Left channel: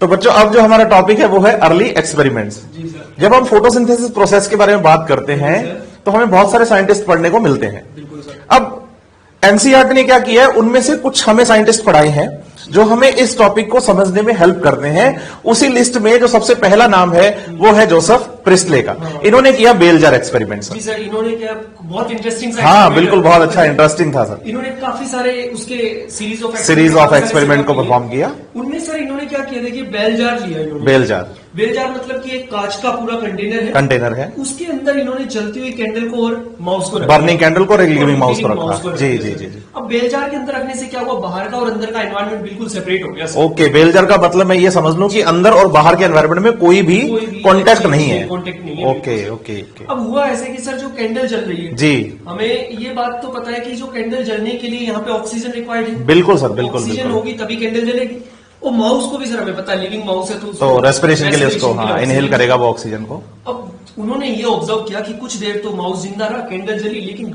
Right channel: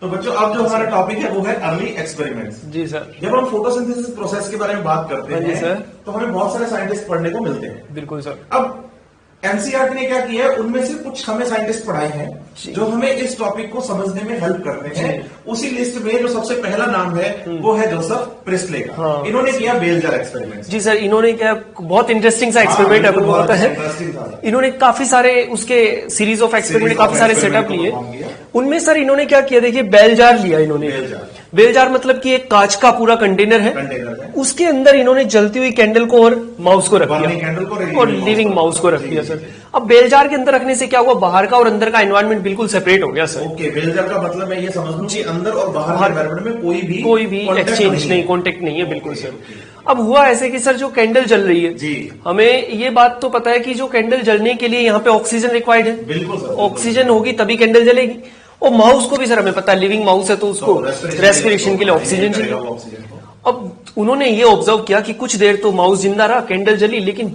तो बच्चों अब जो हमारा टॉपिक है वो है अर्ली एक्सपेरिमेंट्स। जी सर। जब हम फोटोसिंथेसिस प्रोसेस के बारे में बात करते हाँ जी हैं सर। तो हमें बहुत सारे साइंटिस्ट पढ़ने को मिलते हैं। बिल्कुल सर। अब एनसीईआरटी ने क्या किया है, उनमें से कुछ हमें साइंटिस्ट पढ़ाए हैं जो हमें इस टॉपिक को समझने में हेल्प करते हैं। उसी लिस्ट में जो सबसे पहला नाम है वो है जोसेफ प्रिस्टले का। हाँ। इन्होंने किया बेल जार एक्सपेरिमेंट। जी सर, इन्होंने क्या बहुत इंटरेस्टिंग सा हाँ एक्सपेरिमेंट बिल्कुल, बहुत अच्छा इंटरेस्टिंग था सर। इन्होंने काफी सारे उसके सीरीज ऑफ एक्सपेरिमेंट को परफॉर्म किया। उनमें सर इन्होंने क्या किया, देखिए बेल जार लिया इन्होंने। बेल जार मतलब कि एक कांच का पूरा कंटेनर है। उसके अंदर इन्होंने जलती हुई कैंडल को और माउस को रखा, बर्निंग कैंडल को, लिविंग माउस को रख दिया। अब बेल जार के अंदर रखने से क्या हुआ, बाहर का और अंदर का एनवायरमेंट बिल्कुल सेपरेट हो गया। ओके, बेल जार का मतलब मैं ये समझ लूं कि अंदर और बाहर के एनवायरनमेंट में कोई भी कांटेक्ट नहीं है। ओके। अब हुआ ऐसे कि सर जो कैंडल जल रही है जी, हमें ये बात तो पता है कि जो कैंडल जलने के लिए यहाँ पे ऑक्सीजन रिक्वायर्ड है। बिल्कुल सर, ऑक्सीजन होगी तभी कैंडल जलेगी। और माउस को भी सर हमें पता है लिविंग माउस है तो उसको रेस्पिरेशन के लिए ऑक्सीजन करेगा वो ऑक्सीजन को। अब उन्होंने ये ऑब्जर्व किया कि कुछ देर तो माउस जिंदा रहा, कैंडल जली, लेकिन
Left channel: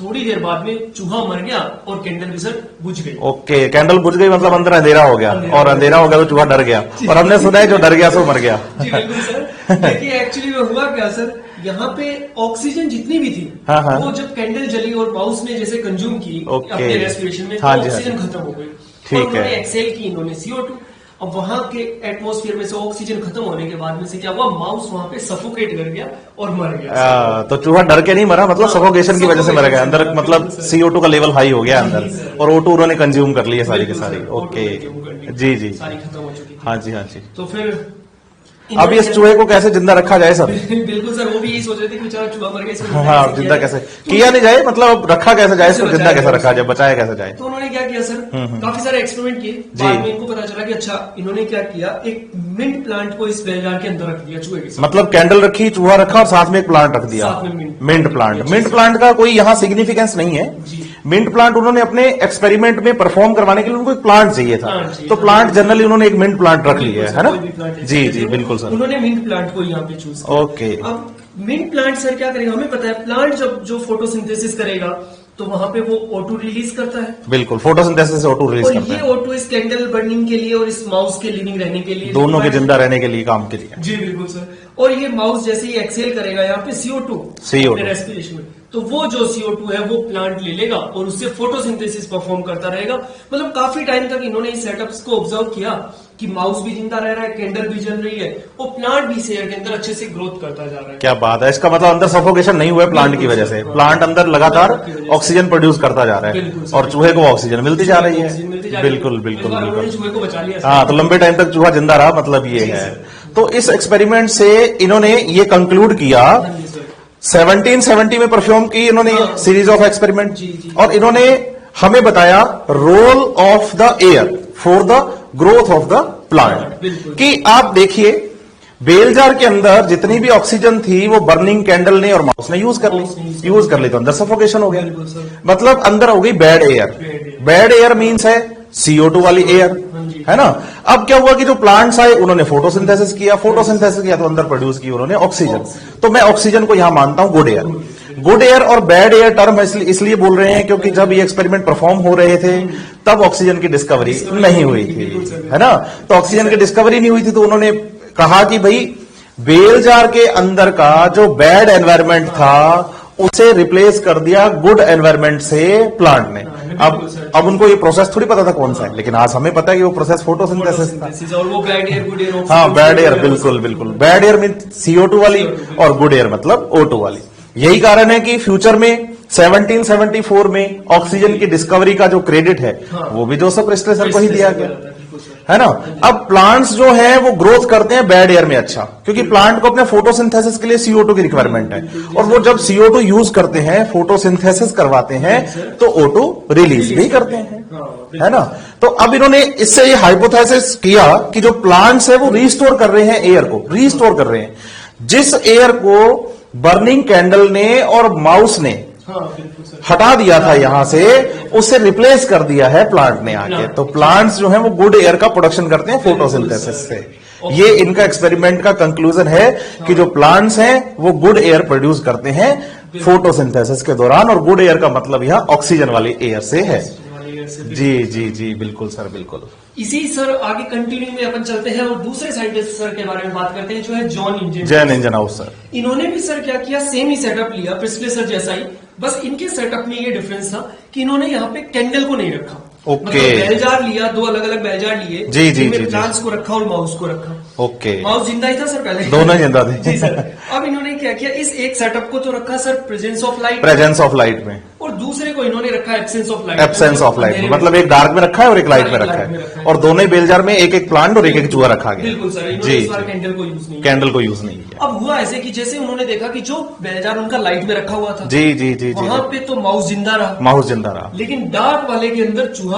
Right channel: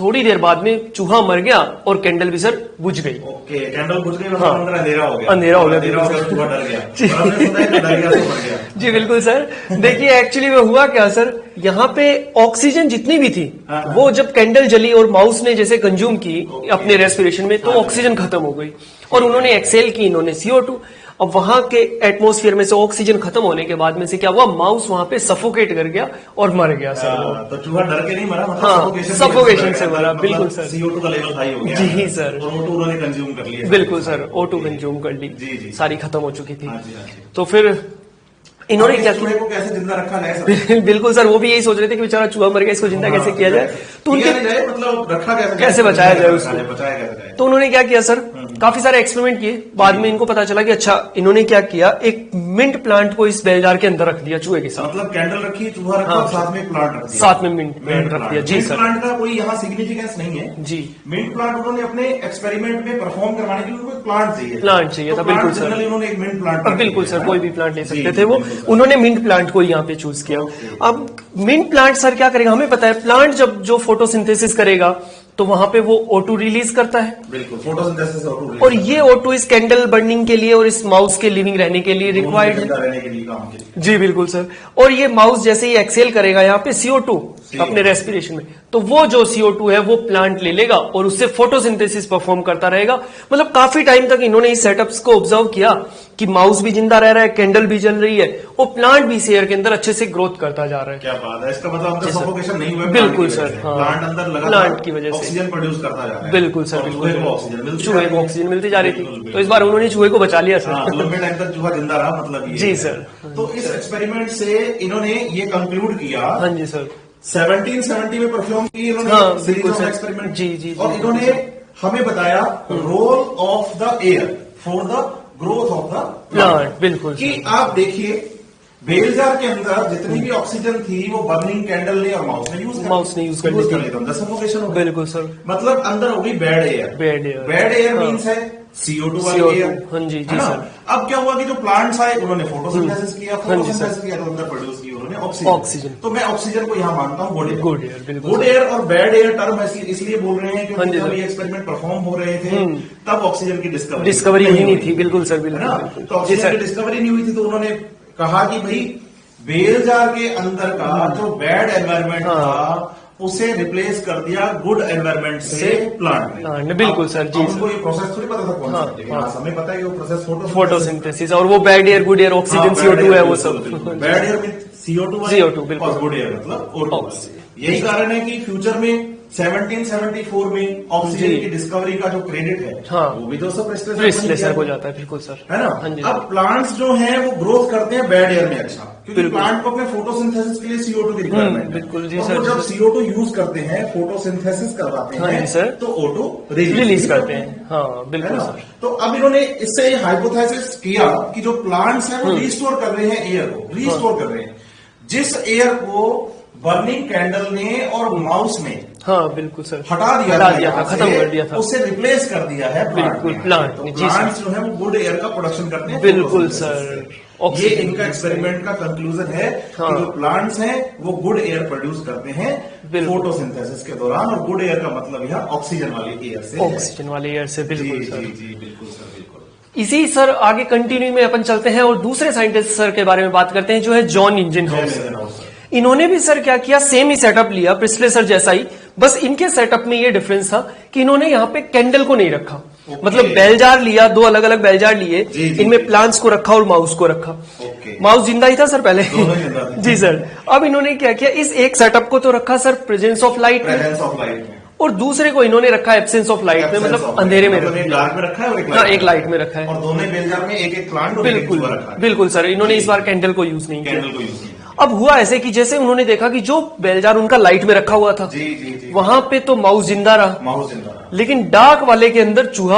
थोड़ी देर बाद में चूहा मर गया और कैंडल भी सर बुझ गई। ओके, कैंडल बुझ गई मतलब अंदर अंधेरा हो गया, और अंधेरा हो गया तो चूहा डर गया। और हमने सुना है जो डर गया तो मर गया। जी बिल्कुल सर। देखिए एक्चुअली में हुआ क्या सर, यहाँ पे ऑक्सीजन जितनी भी थी वो जब कैंडल जली और माउस ने जैसे कंज्यूम की अपने रेस्पिरेशन में, तो ऑक्सीजन खत्म हो गई और उन्होंने एक्सेल की इन्होंने CO2। अब वहां के एटमॉस्फेयर में से ऑक्सीजन खत्म होने के बाद में से क्या हुआ, माउस वहां पे सफोकेट कर गया और मर गया। तो चूहा डर के नहीं मरा, मतलब सफोकेशन की वजह से मर गया अंदर, मतलब CO2 का लेवल हाई हो गया अंदर, और O2 उन्होंने कंज्यूम कर लिया। बिल्कुल सर, O2 कंज्यूम कर ली। जी सारी खत्म हो चुकी थी। हाँ जी। तो फिर अब इस चूहे को कैसे जिंदा रखा जाए सर? बिल्कुल सर, वो भी यही सोच रहे थे कि बेचारा चूहा मर गया, इसको जिंदा कैसे किया जाए, किया नहीं जाए, मतलब रखा कैसे जाए, कैसे रखा जाए, बचाया कैसे जाए। तो उन्होंने क्या किया सर, काफी सारे एक्सपेरिमेंट किए। बाद में इनको पता चला कि अच्छा, इन्होंने क्या किया, एक मिंट प्लांट को इस बेल जार के अंदर रख दिया चूहे के साथ। मतलब कैंडल रखी, चूहा रखा और साथ में एक प्लांट रख दिया, साथ में मिंट प्लांट। मिंट प्लांट का कोई यहाँ सिग्निफिकेंस नहीं है जी। मिंट प्लांट उन्होंने अपने एक्सपेरिमेंट में परफॉर्म करवाने के लिए उनको एक प्लांट चाहिए था, तो प्लांट जनरली उन्होंने एक मिंट प्लांट रख लिया है ना। कोई भी प्लांट ले सकते थे वो, उन्होंने मिंट प्लांट को यहाँ पे चूज किया। अब मिंट प्लांट सर क्या करेगा, हमें पता है प्लांट जब जो फोटोसिंथेसिस करेगा तो वहां पे वो O2 रिलीज करता है। बिल्कुल, फोटोसिंथेसिस से O2 रिलीज और ये O2 इस कैंडल बर्निंग के लिए और इस माउस के लिविंग रहने के लिए, दोनों के जिंदा रहने के लिए, काम के लिए। जी बिल्कुल सर। और ये माउस जैसे ही एक्सेल करेगा यहाँ पे CO2 अपने रेस्पिरेशन में, तो वो जो CO2 है वो प्लांट ले लेगा और उससे फोटोसिंथेसिस परफॉर्म करता रहेगा। मतलब काफी टाइम तक इन्होंने इस सेटअप्स को ऑब्जर्व किया कि माउस भी जिंदा रह रहा है, कैंडल भी जल रही है और प्लांट भी इस एयर के अंदर अच्छे से ग्रोथ करता जा रहा है। क्या बात है, इसका मतलब अंदर सफोकेशन नहीं हुआ है प्लांट की वजह से। प्लांट अंदर लगातार ऑक्सीजन प्रोड्यूस करता जा रहा है। बिल्कुल, और चूहे को ऑक्सीजन मिलती जा रही है। बिल्कुल। इस बार उन्होंने चूहे को बचा लिया। हाँ, तो लंबे टाइम तक चूहा जिंदा रहा, मतलब ये है। तो इस एक्सपेरिमेंट से इन्होंने ये कंक्लूड किया। हाँ जी सर। 1770 में परफॉर्म की इन्होंने सीरीज ऑफ एक्सपेरिमेंट। जी। और इन्होंने हमें बताया role of the air for the growth of the plant. बिल्कुल, कि आप देखिए बेल जार के अंदर जितनी भी ऑक्सीजन थी वो बर्निंग कैंडल ने और माउस ने यूज कर ली, तो अंदर सफोकेशन हो गया। बिल्कुल सर। मतलब अंदर हो गई bad air. Bad air means है CO2 वाली एयर, है ना। अब क्या हुआ कि जो प्लांट्स आए उन्होंने फोटोसिंथेसिस किया तो अंदर प्रोड्यूस की उन्होंने ऑक्सीजन। तो मैं ऑक्सीजन को यहां मानता हूं गुड एयर। गुड एयर और बैड एयर टर्म इसलिए बोल रहे हैं क्योंकि जब ये एक्सपेरिमेंट परफॉर्म हो रहे थे तब ऑक्सीजन की डिस्कवरी नहीं हुई थी। बिल्कुल सर, है ना। तो ऑक्सीजन की डिस्कवरी नहीं हुई थी, तो उन्होंने कहा कि भाई बेल जार के अंदर का जो बैड एनवायरमेंट था उसे रिप्लेस कर दिया गुड एनवायरनमेंट से प्लांट ने। बिल्कुल सर। अब उनको ये प्रोसेस थोड़ी पता था कौन सा है, लेकिन आज हमें पता है कि वो प्रोसेस फोटोसिंथेसिस और वो bad air good air oxygen. हाँ, बैड एयर, बिल्कुल। बैड एयर मीन CO2 वाली और गुड एयर मतलब O2 वाली। यही कारण है कि फ्यूचर में 1774 में ऑक्सीजन की डिस्कवरी का जो क्रेडिट है वो भी जोसेफ प्रिस्टले सर को ही दिया गया, है ना। अब प्लांट्स जो हैं वो ग्रोथ करते हैं बैड एयर में, अच्छा, क्योंकि प्लांट को अपने फोटोसिंथेसिस के लिए CO2 की रिक्वायरमेंट है, और वो जब CO2 यूज करते हैं, फोटोसिंथेसिस करवाते हैं, तो O2 रिलीज भी करते हैं, है ना। तो अब इन्होंने इससे ये हाइपोथेसिस किया कि जो प्लांट्स है वो रिस्टोर कर रहे हैं एयर को, रिस्टोर कर रहे हैं, जिस एयर को बर्निंग कैंडल ने और माउस ने बिल्कुल सर हटा दिया था यहां से, उससे रिप्लेस कर दिया है प्लांट ने आके। तो प्लांट्स जो है वो गुड एयर का प्रोडक्शन करते हैं फोटोसिंथेसिस से। ये इनका एक्सपेरिमेंट का कंक्लूजन है कि जो प्लांट्स हैं वो गुड एयर प्रोड्यूस करते हैं फोटोसिंथेसिस के दौरान, और गुड एयर का मतलब यहाँ ऑक्सीजन वाली एयर से है। ऑक्सीजन वाले एयर से, जी जी जी बिल्कुल सर, बिल्कुल। इसी सर आगे कंटिन्यू में अपन चलते हैं और दूसरे साइंटिस्ट सर के बारे में बात करते हैं, जो है जॉन इंजन हाउस सर। इन्होंने भी सर क्या किया, सेम ही सेटअप लिया प्रिस्ले सर जैसा ही, बस इनके सेटअप में ये डिफरेंस था कि इन्होंने यहाँ पे कैंडल को नहीं रखा। मतलब बेल जार लिया, दो अलग अलग बेल जार लिए, जिनमें प्लांट्स को रखा और माउस को रखा। ओके। माउस जिंदा ही था सर पहले, दोनों जिंदा थे। जी सर। अब इन्होंने क्या किया, इस एक सेटअप को तो रखा सर प्रेजेंस ऑफ लाइट में, और दूसरे को इन्होंने रखा एब्सेंस ऑफ लाइट में, मतलब एक डार्क में रखा है और एक लाइट में रखा है, और दोनों बेल जार में एक एक प्लांट और एक एक चूहा रखा गया। बिल्कुल सर, इन्होंने इस बार कैंडल को यूज नहीं किया। अब हुआ ऐसे कि जैसे उन्होंने देखा कि जो बेल जार उनका लाइट में रखा हुआ था, जी वहां पे तो माउस जिंदा रहा, लेकिन डार्क वाले के अंदर चूहा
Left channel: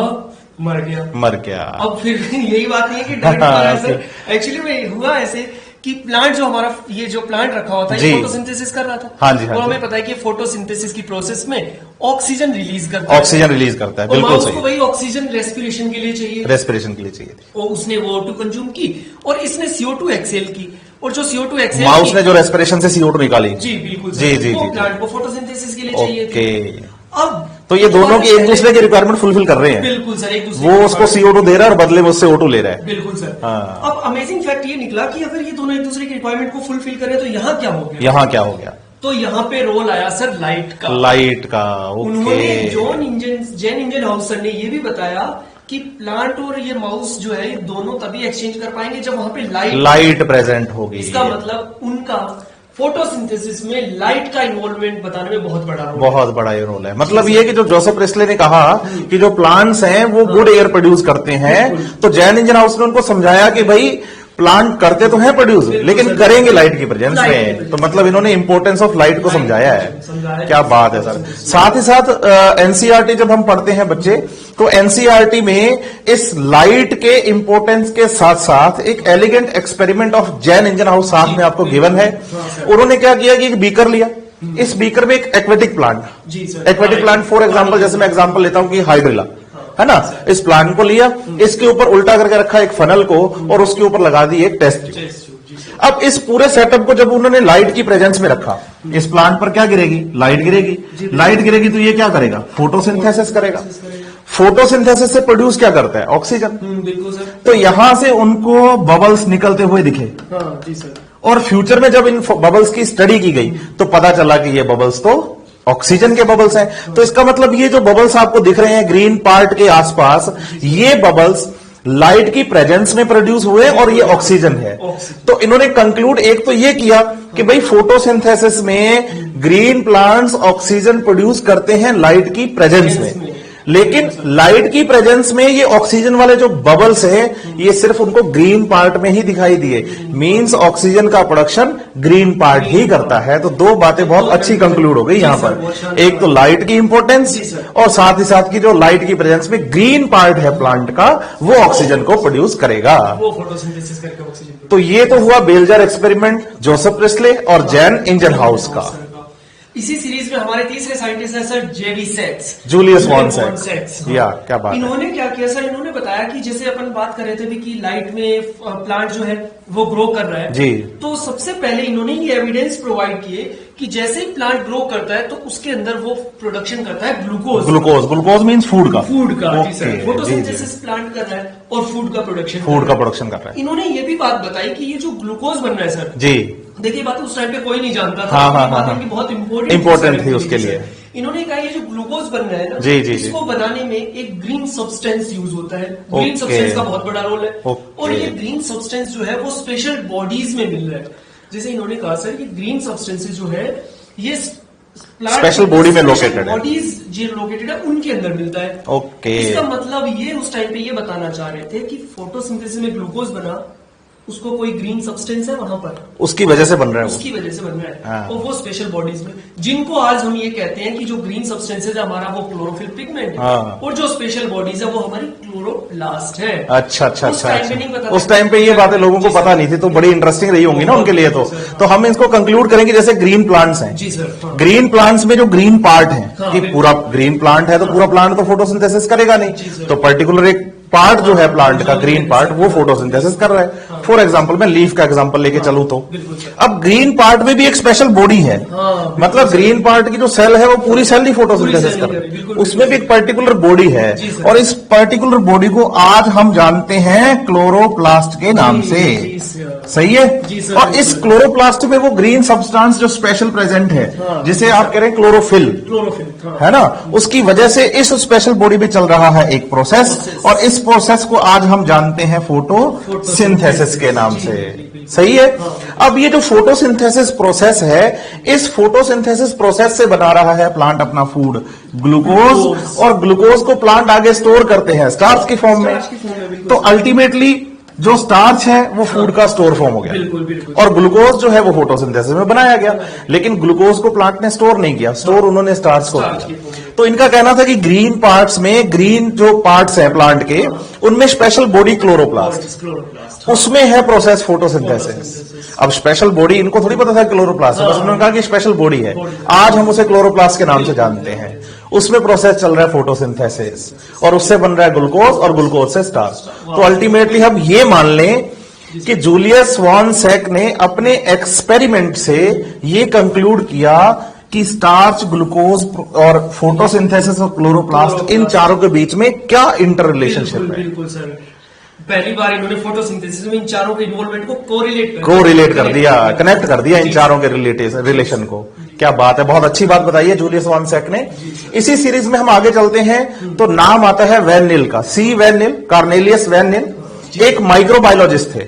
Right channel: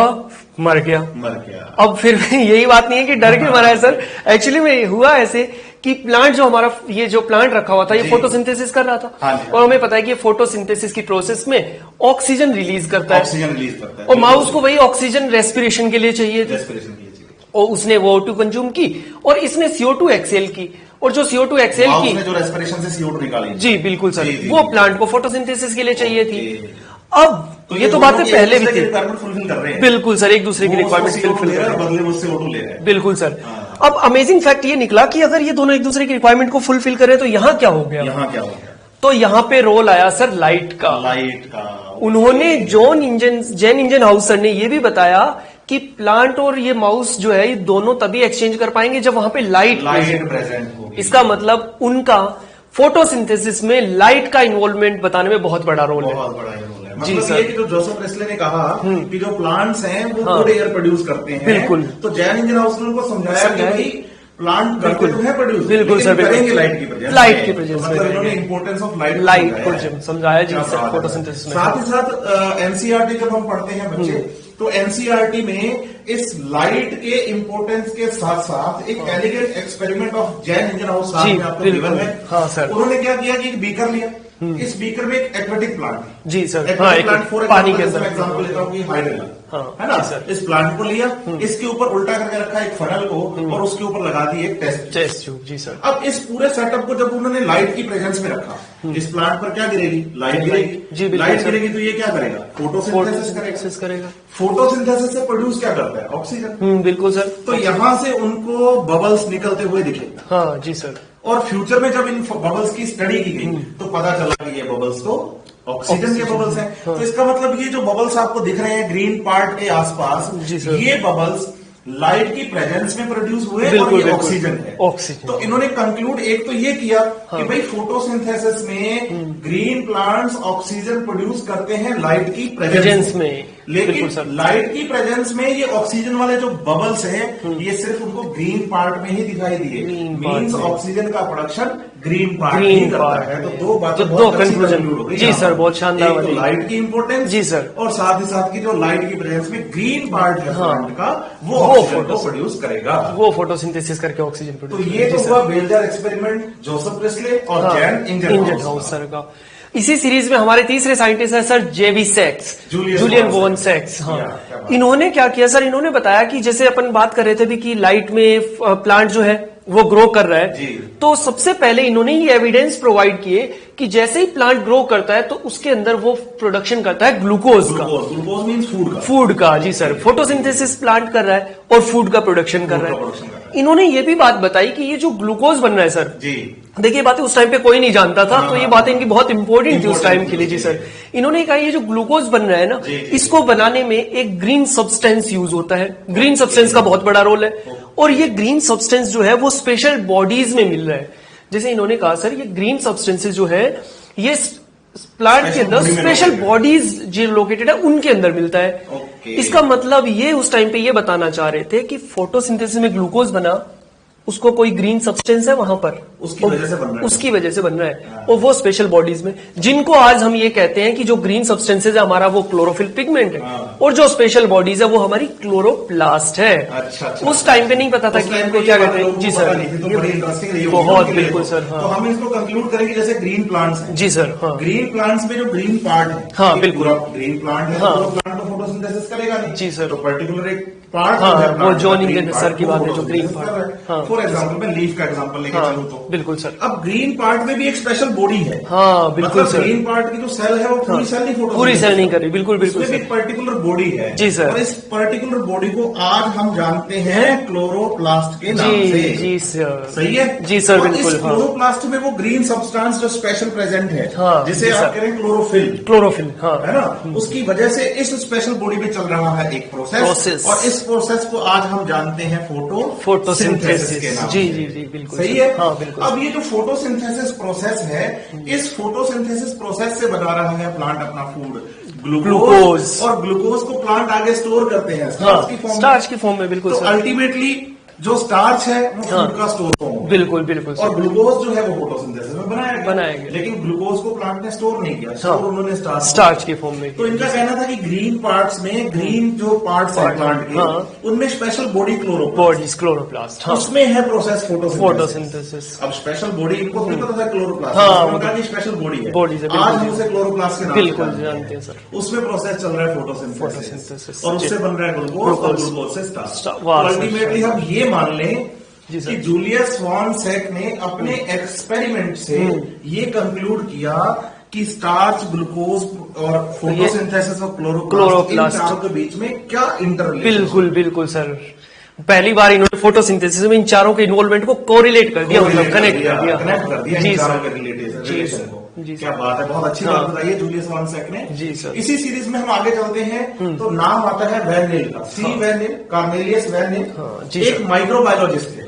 मर गया। अब फिर यही बात नहीं है कि डर क्यों मरा है सर, एक्चुअली में हुआ ऐसे कि प्लांट जो हमारा ये जो प्लांट रखा हुआ था, ये फोटोसिंथेसिस कर रहा था। हाँ जी, और हमें पता है कि फोटोसिंथेसिस की प्रोसेस में ऑक्सीजन रिलीज करता है, और माउस को वही ऑक्सीजन रेस्पिरेशन के लिए चाहिए, और उसने वो O2 कंज्यूम की, और इसने CO2 एक्सेल की, और जो CO2 एक्सेल माउस ने जो रेस्पिरेशन से CO2 निकाली, जी बिल्कुल सर, वो प्लांट को फोटोसिंथेसिस के लिए चाहिए थी। अब तो ये दोनों की एक दूसरे की रिक्वायरमेंट फुलफिल कर रहे हैं। बिल्कुल सर, एक दूसरे वो उसको CO2 दे रहा है और बदले में उससे O2 ले रहा है। बिल्कुल सर। अब अमेजिंग फैक्ट ये निकला कि अगर ये दोनों एक दूसरे की रिक्वायरमेंट को फुलफिल करें तो यहाँ क्या हो गया, तो यहाँ पे रोल आया सर लाइट का। उन्होंने जैन इंजन हाउस सर ने ये भी बताया कि प्लांट और ये माउस जो है, ये दोनों तभी एक्सचेंज कर पाएंगे जब वहां पे लाइट प्रेजेंट होगी। इसका मतलब उनका फोटोसिंथेसिस में लाइट का इन्वॉल्वमेंट बताने में बहुत बड़ा रोल है। मतलब ये कि जो जोसेफ प्रिस्ले ने कहा कि जो प्लांट्स हैं वो गुड एयर प्रोड्यूस करते हैं, तो जैन इंजन हाउस ने उनको समझाया कि भाई प्लांट करते तो हैं प्रोड्यूस, लेकिन करेंगे लाइट की प्रेजेंस में। तो मतलब इन्होंने इंपोर्टेंस ऑफ लाइट को समझाया है। क्या बात है सर। साथ ही साथ एनसीईआरटी जब हम पढ़ते हैं बच्चे, तो एनसीईआरटी में इस लाइट के इंपोर्टेंस के साथ साथ एक elegant experiment of Jain engine house साथ में आपको गिवन है। उन्होंने क्या किया कि एक बीकर लिया, इस बीकर में एक एक्वेटिक प्लांट, जी sir, aquatic plant for example, जैसे मैं एग्जांपल लेता हूं कि हाइड्रिला, है ना, इस प्लांट को लिया, इसके ऊपर उल्टा करके रखा एक फनल को, और उसके ऊपर लगा दी एक टेस्ट ट्यूब। अब इस पूरे सेटअप को जब उन्होंने लाइट की प्रेजेंस में रखा, इस प्लांट पर क्या गिरेगी, लाइट गिरेगी, तो ये क्या करेगा, फोटोसिंथेसिस करेगा। फोटोसिंथेसिस से प्रोड्यूस क्या करता है, ऑक्सीजन। बिल्कुल सर। तो यहां से उनको बबल्स निकलते हुए दिखे। हाँ जी सर। और फ्यूचर में जब इन बबल्स की स्टडी की गई तो पता चला कि ये बबल्स तो ऑक्सीजन के बबल्स हैं। तो इसका मतलब ये जो बबल्स आपको दिख रहे हैं ग्रीन पार्ट के आसपास, ये बबल्स लाइट की प्रेजेंस में प्रोड्यूस हुए और ये ऑक्सीजन है। तो इन्होंने कंक्लूड एक तो ये किया कि भाई फोटोसिंथेसिस में ग्रीन प्लांट्स ऑक्सीजन प्रोड्यूस करते हैं लाइट की प्रेजेंस में, लेकिन लाइट की प्रेजेंस में ये ऑक्सीजन वाले जो बबल्स हैं ये सिर्फ उनको ग्रीन पार्ट में ही दिखाई दिए। मींस ऑक्सीजन का प्रोडक्शन ग्रीन पार्ट ही करता है। तो दो बातें बहुत अच्छी कंक्लूड हो गई यहाँ पर, एक तो लाइट की इंपोर्टेंस और साथ ही साथ की जो लाइट की प्रेजेंस में ग्रीन पार्ट है प्लांट का, वो ऑक्सीजन को प्रोड्यूस करेगा, वो फोटोसिंथेसिस करके ऑक्सीजन। तो ये तो हुआ bell jar experiment Joseph Priestley और जैन इंजन हाउस का। इसी सीरीज में हमारे तीसरे साइंटिस्ट हैं सर जेवी सैक्स, जूलियस वॉन सैक्स। क्या बात। इन्होंने क्या किया सर, इन्होंने बताया कि जैसे अपन बात कर रहे थे भी कि लाइट में प्लांट जो है वो ग्रो कर रहा है जी, तो सबसे पहले इन्होंने ये एविडेंस प्रोवाइड किए कि जैसे ही प्लांट ग्रो करता है तो उसके अंदर वो प्रोडक्शन करता है ग्लूकोज मींस फूड का जी सर। फोटोसिंथेसिस प्लांट कर रहा है और फूड का प्रोडक्शन कर रहा है। इन्होंने ये भी बात बताई कि ये जो ग्लूकोज बन रहा है सर जी, देखिए बातें उस टाइम पे कोई नहीं जानता था, तो ये बातें इनकी बहुत इंपॉर्टेंट थी सर। इन्होंने कहा ये जो ग्लूकोज बन रहा है ना, इसको बनाने में एक ग्रीन सब्सटेंस यूज होता है। ग्रीन सब्सटेंस का बहुत बड़ा रोल है, और ये ग्रीन सब्सटेंस जो है वो स्पेशल बॉडीज में मिल रहा है। जैसे इन्होंने कहा सर ये ग्रीन सब्सटेंसेस जो है ये प्लांट स्पेशल बॉडीज जो लोकेटेड है उनके अंदर मिलता है। इसका मतलब ये उस टाइम पे ये बताना चाह रहे थे कि फोटोसिंथेसिस में ग्लूकोज बना, उसको कोई ग्रीन सब्सटेंस है वहां पर, उसकी वजह से बन रहा है, और वो स्पेशल बॉडीज में, जिनको आज हम ये कहते हैं कि जो ग्रीन सब्सटेंसेस है हमारा वो क्लोरोफिल पिगमेंट है, और जो स्पेशल बॉडीज है वो हमारी क्लोरोप्लास्ट है। अच्छा। उस टाइम पे नहीं पता था, उस टाइम पे ये बातें लोगों को पता नहीं थी, तो बड़ी इंटरेस्टिंग रही होंगी ना उनके लिए। तो हम इसको कंक्लूड करेंगे जैसे ग्रीन प्लांट्स हैं जी सर, ग्रीन प्लांट्स में जो ग्रीन पार्ट है, पूरा ग्रीन प्लांट है तो पूरा प्लांट तो फोटोसिंथेसिस करेगा नहीं, तो पर्टिकुलर एक पार्ट जो है प्लांट का, जॉनी ग्रीन के पार्ट, जैसे वो की बात फोटोसिंथेसिस है, कर रहा है। फॉर एग्जाम्पल मैं लीफ का एग्जाम्पल लेके चलूं तो बिल्कुल सर। अब ग्रीन पार्ट में भी एक स्पेशल बॉडी है, बिल्कुल मतलब सर। ग्रीन पार्ट की जो सेल है वो पूरी सेल नहीं पूरी फोटोसिंथेसिस सेल नहीं कर करी, बिल्कुल, उसमें भी एक पर्टिकुलर बॉडी है। जी सर। और इस पर्टिकुलर बॉडी को आज हम जानते हैं क्लोरोप्लास्ट के नाम से। जी सर। सही है जी सर, और बिल्कुल। इस क्लोरोप्लास्ट में वो ग्रीन सब्सटेंस जो स्पेशल प्रेजेंट है, जिसे जी आप सर। कह रहे हैं क्लोरोफिल, क्लोरोफिल, है ना, उसकी वजह से इस स्पेशल बॉडी में चल रहा है एक प्रोसेस, और इस प्रोसेस को आज हम जानते हैं फोटोसिंथेसिस के नाम जी, से। जी, बिल्कुल। सही है। बिल्कुल। अब ये जो फोटोसिंथेसिस प्रोसेस है, इस फोटोसिंथेसिस प्रोसेस से बना रहा है प्लांट अपना फूड, ग्लूकोज, और ग्लूकोज को प्लांट आगे स्टोर करते हैं स्टार्च की फॉर्म में। स्टार्च की फॉर्म में, बिल्कुल तो सर। अल्टीमेटली जो स्टार्च है वो फूड का स्टोर फॉर्म हो गया। बिल्कुल, बिल्कुल। और ग्लूकोज जो है वो फोटोसिंथेसिस में बनाया गया, बनाया गया। लेकिन ग्लूकोज को प्लांट ने स्टोर नहीं किया, स्टोर उन्होंने स्टार्च की फॉर्म में। तो इनका कहना था कि ग्रीन पार्ट्स में, ग्रीन जो पार्ट्स है प्लांट के, उनमें स्पेशल बॉडी क्लोरोप्लास्ट, क्लोरोप्लास्ट, उसमें है प्रोसेस फोटोसिंथेसिस। फोटोसिंथेसिस। अब स्पेशल बॉडी इनको थोड़ी पता था क्लोरोप्लास्ट, उन्होंने कहा कि स्पेशल बॉडी है, बॉडी है। आज हम उसे क्लोरोप्लास्ट के नाम से बिल्कुल, जानते जानते हैं। हैं, उसमें प्रोसेस चल रहा है फोटोसिंथेसिस, और उससे बन रहा है ग्लूकोज, और ग्लूकोज से स्टार्च। तो अल्टीमेटली हम ये मान लें कि जूलियस वॉन सैक ने अपने एक्सपेरिमेंट से ये कंक्लूड किया कि स्टार्च, ग्लूकोज और फोटोसिंथेसिस और क्लोरोप्लास्ट, इन चारों के बीच में क्या इंटर रिलेशनशिप बिल्कुल, है। बिल्कुल सर। पहली बार इन्होंने फोटोसिंथेसिस में इन चारों के इन्वॉल्वमेंट को कोरिलेट कर दिया, कनेक्ट कर दिया इन चारों के रिलेशन को। क्या बात है, बहुत अच्छी बात बताई है जूलियस वॉन सैक ने। इसी सीरीज में हम आगे चलते हैं तो नाम आता है वैन नील का, सी वैन नील, कार्नेलियस वैन नील, एक माइक्रोबायोलॉजिस्ट थे।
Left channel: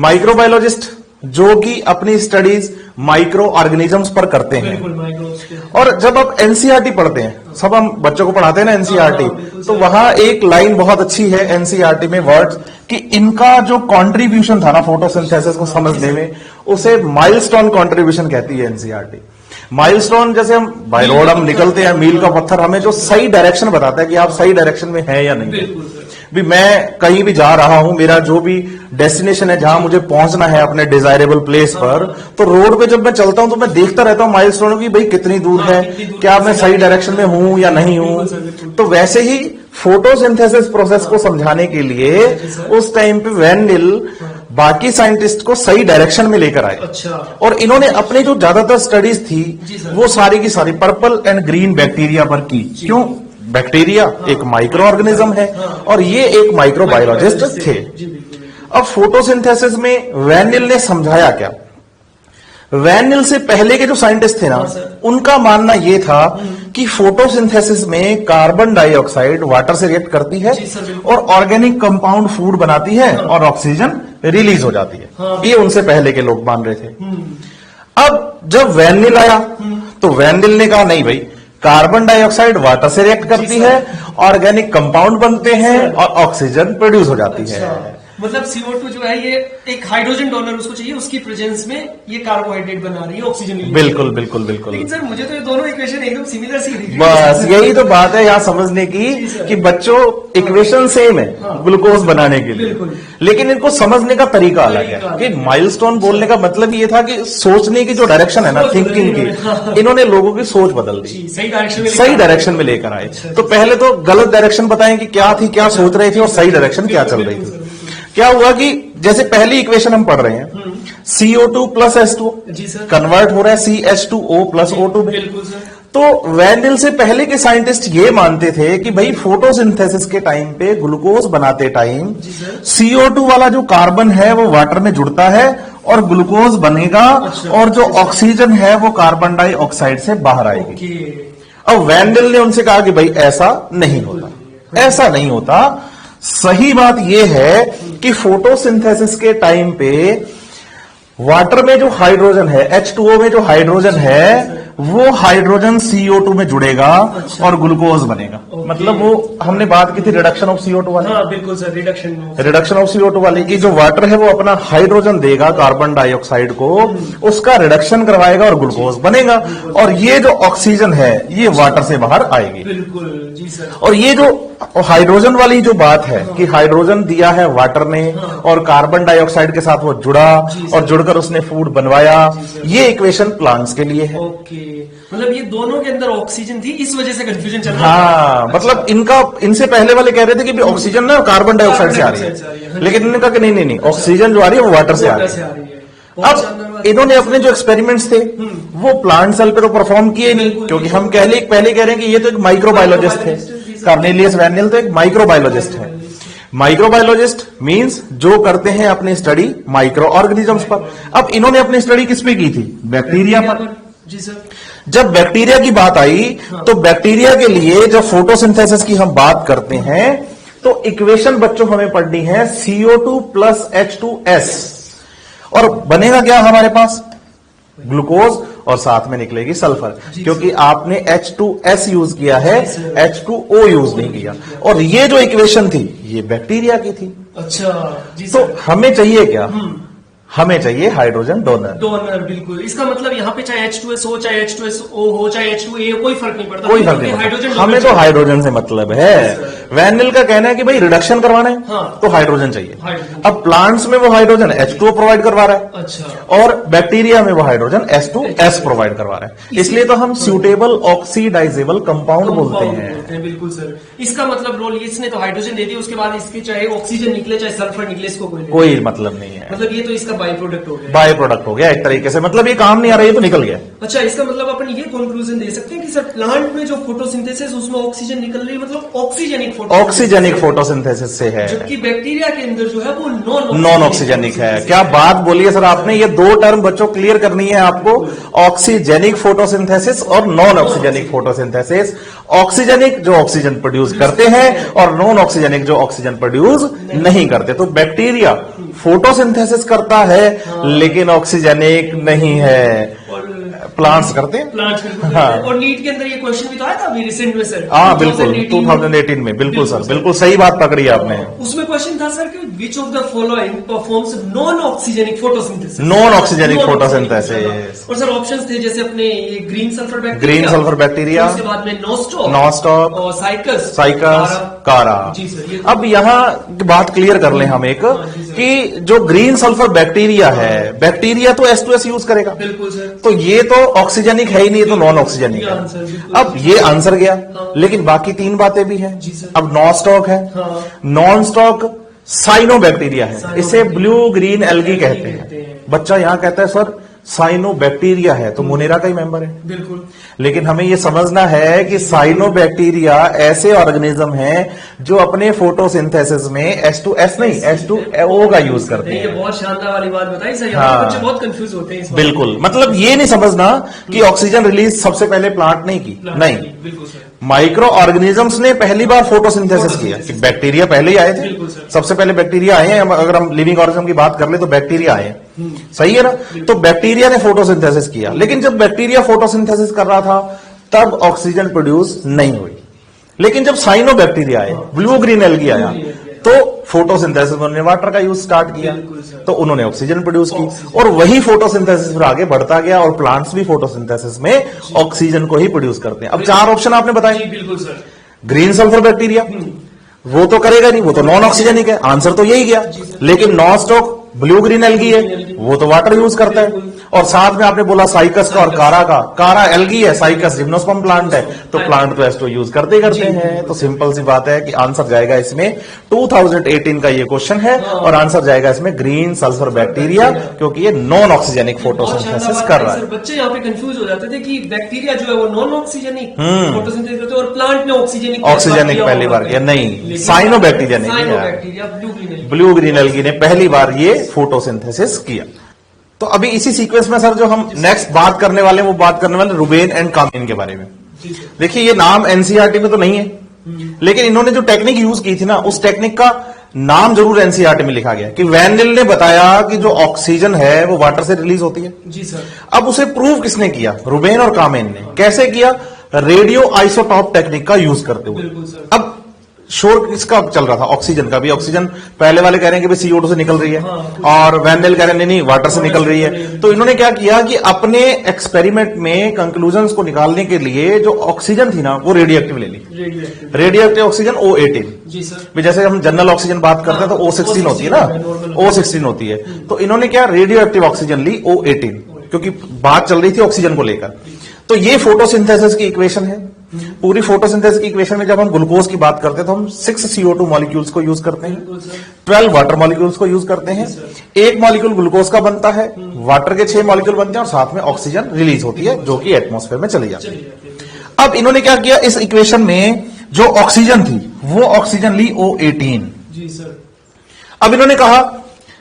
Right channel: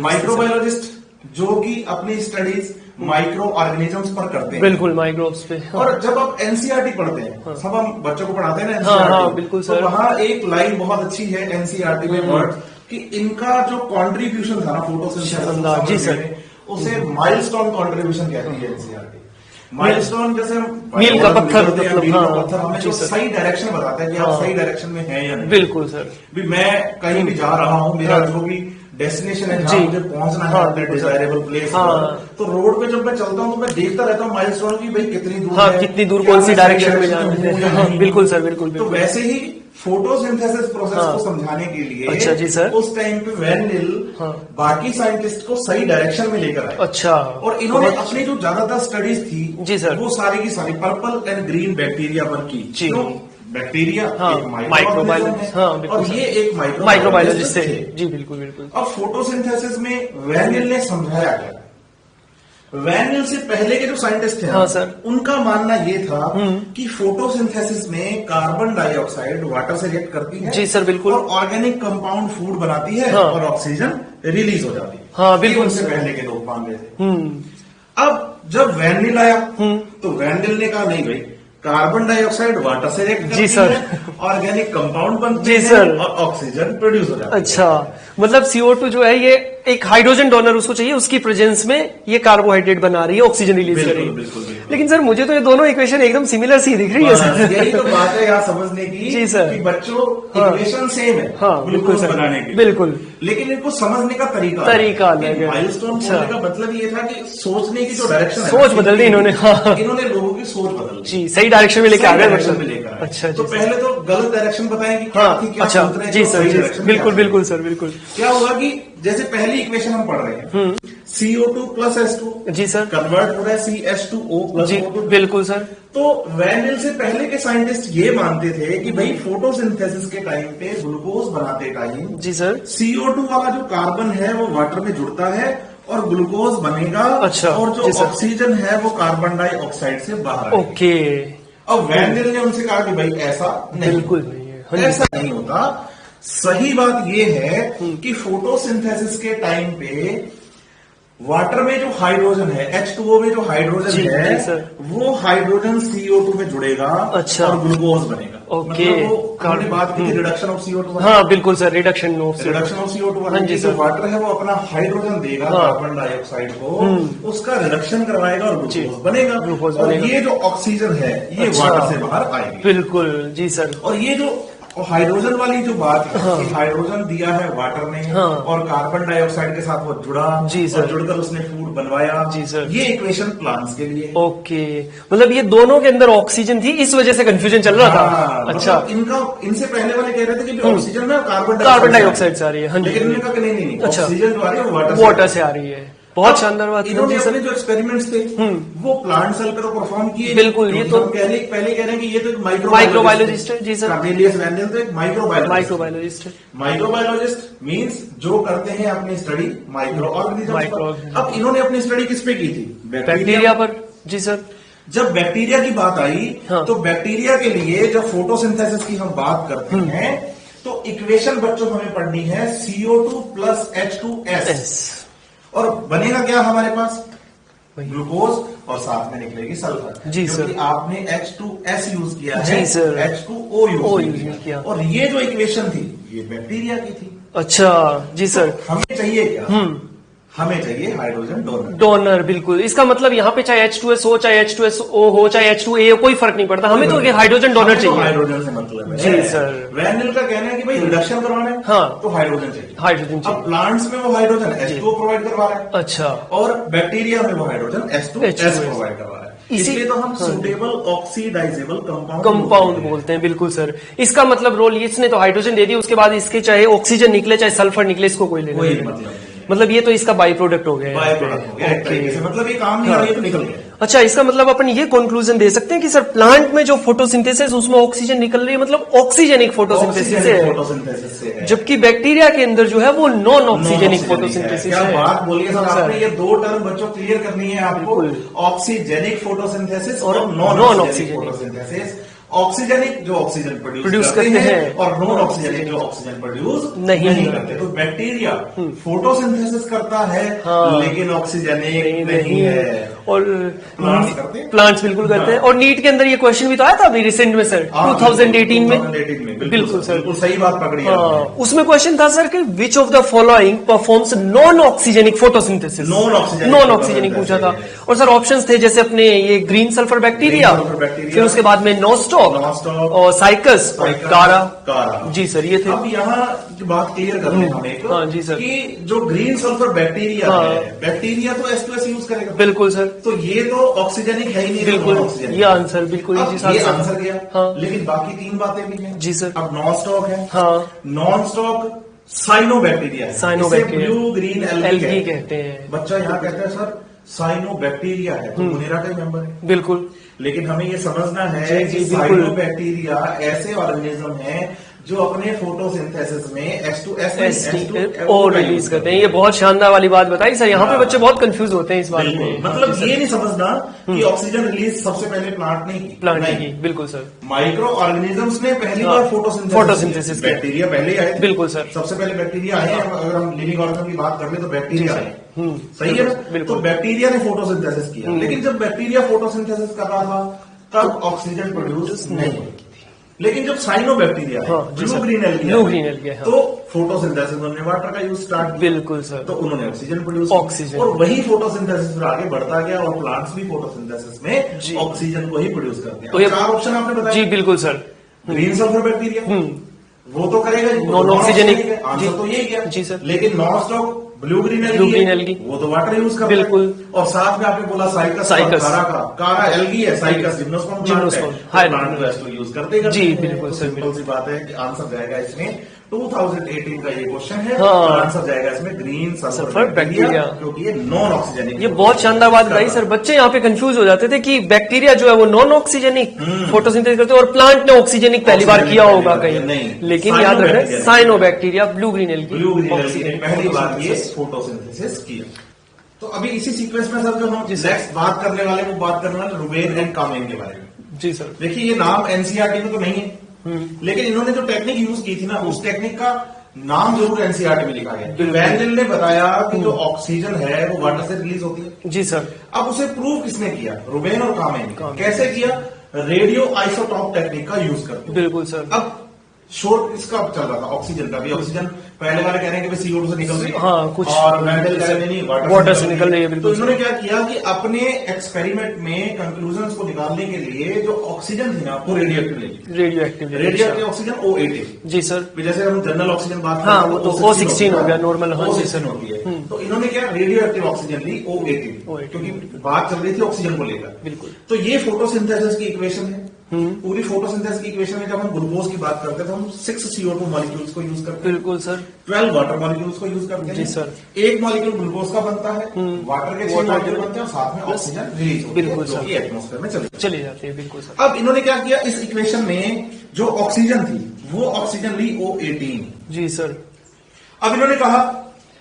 माइक्रोबायोलॉजिस्ट जो कि अपनी स्टडीज माइक्रो ऑर्गेनिजम्स पर करते हैं। बिल्कुल, माइक्रोब्स पे। और जब आप एनसीईआरटी पढ़ते हैं, सब हम बच्चों को पढ़ाते हैं ना एनसीईआरटी, तो वहां एक लाइन बहुत अच्छी है एनसीईआरटी में वर्ड्स कि इनका जो कंट्रीब्यूशन था ना फोटोसिंथेसिस को समझने में, उसे माइलस्टोन कंट्रीब्यूशन कहती है एनसीईआरटी। माइलस्टोन जैसे हम बाय रोड हम निकलते हैं, मील का पत्थर हमें जो सही डायरेक्शन बताता है कि आप सही डायरेक्शन में हैं या नहीं। बिल्कुल सर। भी मैं कहीं भी जा रहा हूं, मेरा जो भी डेस्टिनेशन है, जहां मुझे पहुंचना है अपने डिजायरेबल प्लेस पर, तो रोड पे जब मैं चलता हूं तो मैं देखता रहता हूं माइलस्टोन की भाई कितनी दूर है, क्या मैं सही डायरेक्शन में हूं या नहीं हूं। बिल्कुल सर, बिल्कुल। तो वैसे ही फोटोसिंथेसिस प्रोसेस को समझाने के लिए उस टाइम पे वैन नील बाकी साइंटिस्ट को सही डायरेक्शन में लेकर आए। अच्छा। और इन्होंने अपने जो ज्यादातर स्टडीज थी वो सारी की सारी पर्पल एंड ग्रीन बैक्टीरिया पर की। क्यों? बैक्टीरिया एक माइक्रो ऑर्गेनिज्म है, और ये एक माइक्रोबायोलॉजिस्ट थे। जी बिल्कुल। अब फोटोसिंथेसिस में वैन नील ने समझाया क्या? वैन नील से पहले के जो साइंटिस्ट थे ना, उनका मानना यह था कि फोटोसिंथेसिस में कार्बन डाइऑक्साइड वाटर से रिएक्ट करती है। जी सर, बिल्कुल। और ऑर्गेनिक कंपाउंड फूड बनाती है, और ऑक्सीजन रिलीज हो जाती है। ये उनसे पहले के लोग मान रहे थे। अब जब वैन नील आया तो वैन नील ने कहा नहीं भाई, कार्बन डाइऑक्साइड वाटर से रिएक्ट करती है, ऑर्गेनिक कंपाउंड बनते हैं, और ऑक्सीजन प्रोड्यूस हो जाती है। अच्छा, मतलब CO2 जो है ये एक हाइड्रोजन डोनर उसको चाहिए, उसकी प्रेजेंस में ये कार्बोहाइड्रेट बना रही है, ऑक्सीजन रिलीज। बिल्कुल बिल्कुल बिल्कुल। लेकिन सर मुझे तो ये दोनों इक्वेशन एकदम सिमिलर सी दिख रही बस है। यही तो बात है यहाँ समझने की कि बच्चों इक्वेशन सेम है ग्लूकोज बनाने के लिए, बिल्कुल, लेकिन इनको समझने का तरीका कि माइलस्टोन बोलने का मतलब ये था कि सोचने की जो डायरेक्शन है ना, इन्होंने लोगों की सोच बदल दी, सही डायरेक्शन में लेकर आए। तो पहले तो गलत डायरेक्शन बताएं कि क्या थी, क्या सोच रहे थे, और सही डायरेक्शन क्या चल रही थी। बिल्कुल सर, बिल्कुल। क्या हुआ कि जैसे पहली इक्वेशन हम पढ़ रहे हैं, CO2 प्लस H2, जी सर, कन्वर्ट हो रहा है CH2O प्लस O2। बिल्कुल सर। तो वैन नील से पहले के साइंटिस्ट ये मानते थे कि भाई फोटोसिंथेसिस के टाइम पे, ग्लूकोज बनाते टाइम, जी सर, CO2 वाला जो कार्बन है वो वाटर में जुड़ता है और ग्लूकोज बनेगा। अच्छा, और जो ऑक्सीजन है वो कार्बन डाइऑक्साइड से बाहर आएगी। ओके। अब वैन नील ने उनसे कहा कि भाई ऐसा नहीं होता, ऐसा नहीं होता। सही बात यह है कि फोटोसिंथेसिस के टाइम पे वाटर में जो हाइड्रोजन है, H2O में जो हाइड्रोजन है, वो हाइड्रोजन CO2 में जुड़ेगा। अच्छा। और ग्लूकोज बनेगा। मतलब वो हमने बात की थी रिडक्शन ऑफ CO2 वाली। हाँ बिल्कुल सर, रिडक्शन ऑफ CO2 वाली की जो वाटर है वो अपना हाइड्रोजन देगा कार्बन डाइऑक्साइड को, उसका रिडक्शन करवाएगा और ग्लूकोज बनेगा। और ये जो ऑक्सीजन है ये वाटर से बाहर आएगी। बिल्कुल, जी सर। और ये जो और हाइड्रोजन वाली जो बात है कि हाइड्रोजन दिया है वाटर ने और कार्बन डाइऑक्साइड के साथ वो जुड़ा और जुड़कर उसने फूड बनवाया, ये इक्वेशन प्लांट्स के लिए है। ओके, मतलब ये दोनों के अंदर ऑक्सीजन थी, इस वजह से कंफ्यूजन चल रहा था। मतलब इनसे पहले वाले कह रहे थे कि ऑक्सीजन ना कार्बन डाइऑक्साइड से आ रही है, लेकिन इन्होंने कहा कि नहीं, ऑक्सीजन जो आ रही है वो वाटर से आ रही है। बहुत शानदार बात। इन्होंने अपने जो एक्सपेरिमेंट्स थे वो प्लांट सेल पे तो परफॉर्म किए, बिल्कुल, क्योंकि हम पहले कह रहे हैं कि ये तो एक माइक्रोबायोलॉजिस्ट थे। कार्नेलियस वैनियल तो एक माइक्रोबायोलॉजिस्ट। माइक्रोबायोलॉजिस्ट मींस जो करते हैं अपनी स्टडी माइक्रो ऑर्गेनिजम्स पर। अब इन्होंने अपनी स्टडी किस पे की थी? बैक्टीरिया पर। जी सर। जब बैक्टीरिया की बात आई तो बैक्टीरिया के लिए जब फोटोसिंथेसिस की हम बात करते हैं तो इक्वेशन बच्चों हमें पढ़नी है CO2 प्लस H2S, और बनेगा क्या हमारे पास? ग्लूकोज, और साथ में निकलेगी सल्फर, क्योंकि आपने H2S यूज किया है, H2O यूज नहीं किया। और ये जो इक्वेशन थी ये बैक्टीरिया की थी। अच्छा जी सर। तो हमें चाहिए क्या? हमें चाहिए हाइड्रोजन डोनर। बिल्कुल, इसका मतलब यहाँ पे चाहे H2S हो, चाहे H2SO हो, चाहे H2A हो, कोई फर्क नहीं पड़ता, हमें तो हाइड्रोजन डोनर। हमें तो हाइड्रोजन से मतलब है। वैनिल का कहना है कि भाई रिडक्शन करवाना है तो हाइड्रोजन चाहिए। अब प्लांट्स में वो हाइड्रोजन H2O प्रोवाइड करवा रहा है, अच्छा, और बैक्टीरिया में वो हाइड्रोजन H2S प्रोवाइड करवा रहा है। इसलिए तो हम सूटेबल ऑक्सीडाइजेबल कंपाउंड बोलते हैं। बिल्कुल सर, इसका मतलब रोल इसने तो हाइड्रोजन दे दिया, उसके बाद इसके चाहे ऑक्सीजन निकले चाहे सल्फर निकले, इसको कोई मतलब नहीं है। मतलब ये तो इसका बाई प्रोडक्ट हो गया एक तरीके से, मतलब ये काम नहीं आ रहा है तो निकल गया। अच्छा, इसका मतलब अपन ये कंक्लूजन दे सकते हैं कि सर प्लांट में जो फोटोसिंथेसिस उसमें ऑक्सीजन निकल रही है, मतलब ऑक्सीजेनिक फोटोसिंथेसिस से है, जबकि बैक्टीरिया के अंदर जो है वो नॉन ऑक्सीजेनिक है। क्या बात बोली है सर आपने, ये दो टर्म बच्चों क्लियर करनी है आपको, ऑक्सीजेनिक फोटोसिंथेसिस और नॉन ऑक्सीजेनिक फोटोसिंथेसिस। ऑक्सीजेनिक जो ऑक्सीजन प्रोड्यूस करते हैं और नॉन ऑक्सीजेनिक जो ऑक्सीजन प्रोड्यूस नहीं करते। तो बैक्टीरिया फोटोसिंथेसिस करता है लेकिन ऑक्सीजेनिक नहीं है, और प्लांट्स करते हैं। प्लांट्स बिल्कुल करते हैं। और नीट के अंदर ये क्वेश्चन भी तो आया था अभी रिसेंट में सर, 2018 में। बिल्कुल सर, बिल्कुल सही बात पकड़ी आपने। उसमें क्वेश्चन था सर कि which of the following performs non oxygenic photosynthesis. Non oxygenic photosynthesis. और सर ऑप्शंस थे जैसे अपने ये ग्रीन सल्फर बैक्टीरिया, उसके बाद में नॉस्टॉक और साइकस, कारा। जी सर, ये अब यहाँ बात क्लियर कर लें हम एक, कि जो ग्रीन सल्फर बैक्टीरिया है, बैक्टीरिया तो H2S यूज करेगा। बिल्कुल सर। तो ये तो ऑक्सीजेनिक है ही नहीं, तो नॉन ऑक्सीजेनिक। ये आंसर बिल्कुल। अब ये आंसर गया, लेकिन बाकी तीन बातें भी हैं। जी सर। अब नॉन-स्टॉक है, नॉन-स्टॉक साइनोबैक्टीरिया है, इसे ब्लू ग्रीन एल्गी कहते हैं। बच्चा यहाँ कहता है सर साइनोबैक्टीरिया है, तो मोनेरा का ही मेंबर है। बिल्कुल, लेकिन हमें ये समझना है कि साइनोबैक्टीरिया ऐसे ऑर्गेनिज्म हैं जो अपने फोटोसिंथेसिस में H2S नहीं H2O का यूज करते हैं। ये बहुत शानदार वाली बात बताई सर, यहाँ पे बच्चे बहुत कंफ्यूज होते हैं इस बात। बिल्कुल, मतलब ये नहीं समझना कि ऑक्सीजन रिलीज सबसे पहले प्लांट नहीं की, नहीं, बिल्कुल सर। माइक्रो ऑर्गेनिजम्स ने पहली बार फोटोसिंथेसिस किया। बैक्टीरिया पहले ही आए थे। बिल्कुल सर, सबसे पहले बैक्टीरिया आए हैं। अगर हम लिविंग ऑर्गेनिज्म की बात कर ले तो बैक्टीरिया आए, सही है ना? तो बैक्टीरिया ने फोटोसिंथेसिस किया, लेकिन जब बैक्टीरिया फोटोसिंथेसिस कर रहा था तब ऑक्सीजन प्रोड्यूस नहीं हुई। लेकिन जब साइनोबैक्टीरिया आए, ब्लू ग्रीन एल्गी आया, तो फोटोसिंथेसिस उन्होंने वाटर का यूज स्टार्ट किया। तो उन्होंने ऑक्सीजन प्रोड्यूस की, और वही फोटोसिंथेसिस फिर आगे बढ़ता गया, और प्लांट्स भी फोटोसिंथेसिस में ऑक्सीजन को ही प्रोड्यूस करते हैं। अब चार ऑप्शन आपने बताया। जी बिल्कुल सर। ग्रीन सल्फर बैक्टीरिया वो तो करेगा नहीं, वो तो नॉन ऑक्सीजेनिक है, आंसर तो यही गया। लेकिन नॉन-स्टॉक ब्लू ग्रीन एल्गी है, वो तो वाटर यूज करता है। और साथ में आपने बोला साइकस और कारा एल्गी है, साइकस जिम्नोस्पर्म प्लांट है, तो प्लांट तो एस्टो यूज करते हैं। तो सिंपल सी बात है कि आंसर जाएगा इसमें 2018 का ये क्वेश्चन है, और आंसर जाएगा इसमें ग्रीन सल्फर बैक्टीरिया, क्योंकि ये नॉन ऑक्सीजेनिक। बहुत शानदार बात है सर। बच्चे यहाँ पे कंफ्यूज हो जाते थे कि बैक्टीरिया जो है वो नॉन ऑक्सीजेनिक फोटोसिंथेसिस करते हैं और प्लांट ने ऑक्सीजेनिक पहली बार किया होगा। नहीं, साइनोबैक्टीरिया ब्लू ग्रीन एल्गी ने पहली बार ये फोटोसिंथेसिस किया। तो अभी इसी सीक्वेंस में सर जो हम नेक्स्ट बात करने वाले हैं, वो बात करने वाले रुबेन एंड कामिन के बारे में। जी सर। देखिए ये नाम एनसीईआरटी में तो नहीं है, लेकिन इन्होंने जो टेक्निक यूज की थी ना, उस टेक्निक का नाम जरूर एनसीईआरटी में लिखा गया कि वैनिल ने बताया कि जो ऑक्सीजन है वो वाटर से रिलीज होती है। जी सर। अब उसे प्रूव किसने किया? रुबेन और कामिन ने। कैसे किया? रेडियो आइसोटॉप टेक्निक का यूज करते हुए। बिल्कुल सर। अब शोर इसका चल रहा था, ऑक्सीजन का भी। ऑक्सीजन पहले वाले कह रहे हैं कि भाई CO2 से निकल रही है, हाँ, और वैन कह रहे हैं नहीं वाटर से निकल रही है। तो इन्होंने क्या किया कि अपने एक्सपेरिमेंट में कंक्लूजन्स को निकालने के लिए जो ऑक्सीजन थी ना वो रेडियो एक्टिव ले ली। Radio oxygen O18। जी सर। जैसे हम जनरल ऑक्सीजन बात करते हैं तो O16 होती है ना, O16 होती है। तो इन्होंने क्या रेडियो एक्टिव ऑक्सीजन ली O18, क्योंकि बात चल रही थी ऑक्सीजन को लेकर। तो ये फोटोसिंथेसिस की इक्वेशन है। पूरी फोटोसिंथेसिस की इक्वेशन में जब हम ग्लूकोज की बात करते हैं तो हम 6 CO2 मॉलिक्यूल्स को यूज करते हैं। बिल्कुल सर। 12 वाटर मॉलिक्यूल्स को यूज करते हैं। एक मॉलिक्यूल ग्लूकोज का बनता है, वाटर के 6 मॉलिक्यूल बनते हैं, और साथ में ऑक्सीजन रिलीज होती है जो कि एटमॉस्फेयर में चली जाती है। अब इन्होंने क्या किया, इस इक्वेशन में जो ऑक्सीजन थी वो ऑक्सीजन ली O18। जी सर। अब इन्होंने कहा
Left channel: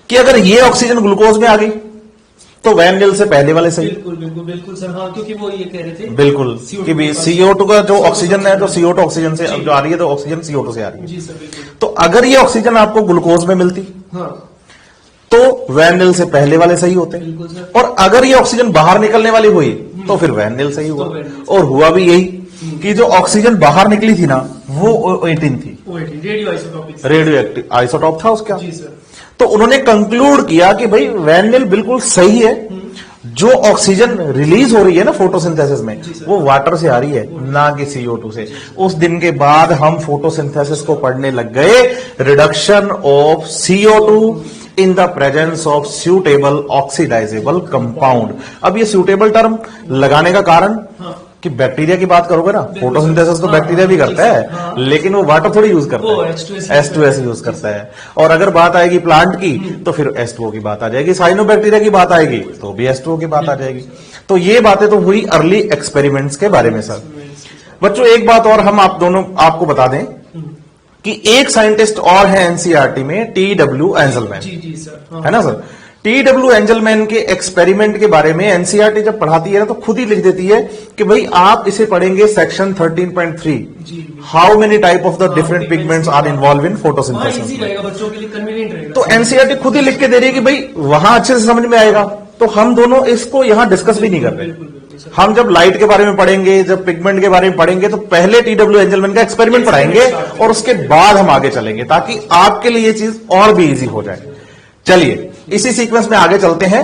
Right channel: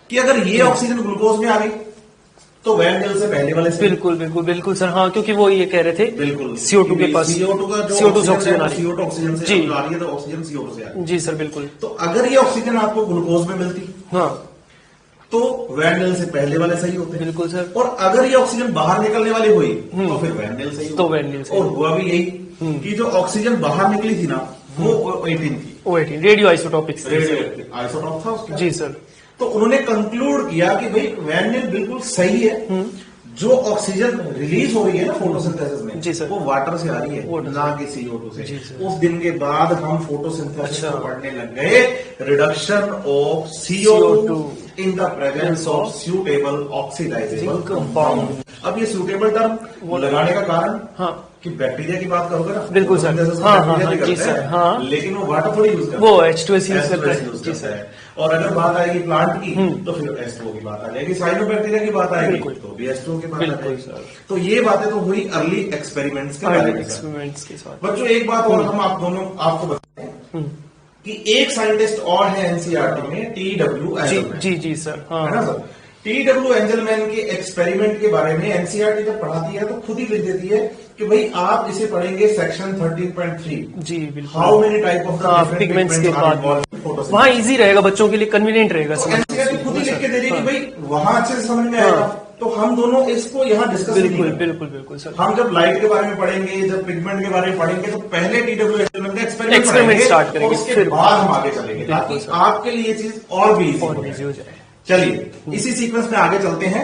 कि अगर ये ऑक्सीजन ग्लूकोज में आ गई तो वैन डेल से पहले वाले से। बिल्कुल सर। हाँ, क्योंकि वो ये कह रहे थे बिल्कुल CO2 का जो ऑक्सीजन है, तो CO2 ऑक्सीजन से जो आ रही है, तो ऑक्सीजन CO2 से आ रही है। जी सर बिल्कुल। तो अगर ये ऑक्सीजन आपको ग्लूकोज में मिलती, हाँ, तो वैन डेल से पहले वाले सही होते। बिल्कुल सर। और अगर ये ऑक्सीजन बाहर निकलने वाली हुई तो फिर वैन डेल सही हुआ। और हुआ भी यही कि जो ऑक्सीजन बाहर निकली थी ना वो O18 थी। O18 radio isotopic, radio active isotope था उसका। जी सर। तो उन्होंने कंक्लूड किया कि भाई वैन डेल बिल्कुल सही है, जो ऑक्सीजन रिलीज हो रही है ना फोटोसिंथेसिस में वो वाटर से आ रही है, ना कि CO2 से। उस दिन के बाद हम फोटोसिंथेसिस को पढ़ने लग गए, reduction of CO2 in the presence of suitable oxidizable compound. अब ये सूटेबल टर्म लगाने का कारण कि बैक्टीरिया की बात करोगे ना, फोटोसिंथेसिस को बैक्टीरिया भी करता है, लेकिन वो वाटर थोड़ी यूज करता है, H2S यूज करता है। और अगर बात आएगी प्लांट की तो फिर H2O की बात आ जाएगी, साइनोबैक्टीरिया की बात आएगी तो भी H2O की बात आ जाएगी। तो ये बातें तो हुई अर्ली एक्सपेरिमेंट्स के बारे में सर। बच्चों एक बात और हम आपको बता दें कि एक साइंटिस्ट और है एनसीईआरटी में, TW एंजलमैन। जी सर, है ना सर। TW एंजलमैन के एक्सपेरिमेंट के बारे में एनसीईआरटी जब पढ़ाती है ना तो खुद ही लिख देती है कि भाई आप इसे पढ़ेंगे section 13.3, how many type of the different pigments are involve in photosynthesis. वहां इजी रहेगा, बच्चों के लिए कन्वीनियंट रहेगा। तो एनसीईआरटी खुद ही लिख के दे रही है कि भाई वहां अच्छे से समझ में आएगा। तो हम दोनों इसको यहां डिस्कस भी नहीं करते। बिल्कुल। हम जब लाइट के बारे में पढ़ेंगे, जब पिगमेंट के बारे में पढ़ेंगे, तो पहले TW एंजलमैन का एक्सपेरिमेंट पढ़ाएंगे और उसके बाद हम आगे चलेंगे, ताकि आपके लिए ये चीज और भी इजी हो जाए। चलिए इसी सीक्वेंस में आगे चलते हैं।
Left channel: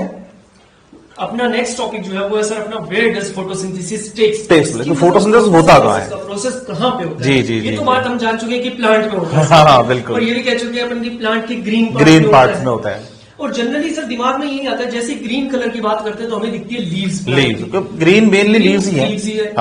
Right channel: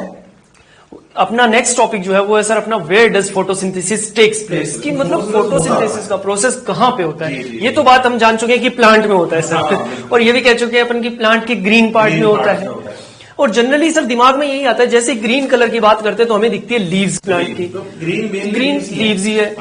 अपना नेक्स्ट टॉपिक जो है वो है सर अपना where does photosynthesis takes place. Photosynthesis होता है, प्रोसेस कहाँ पे होता है। जी, ये तो बात हम जान चुके हैं कि प्लांट में होता है। हाँ, बिल्कुल। और ये भी कह चुके हैं अपन की प्लांट के ग्रीन पार्ट में होता है। और जनरली सर दिमाग में यही आता है, जैसे ग्रीन कलर की बात करते हैं तो हमें दिखती है लीव्स प्लांट की। ग्रीन मेनली लीव्स ही है।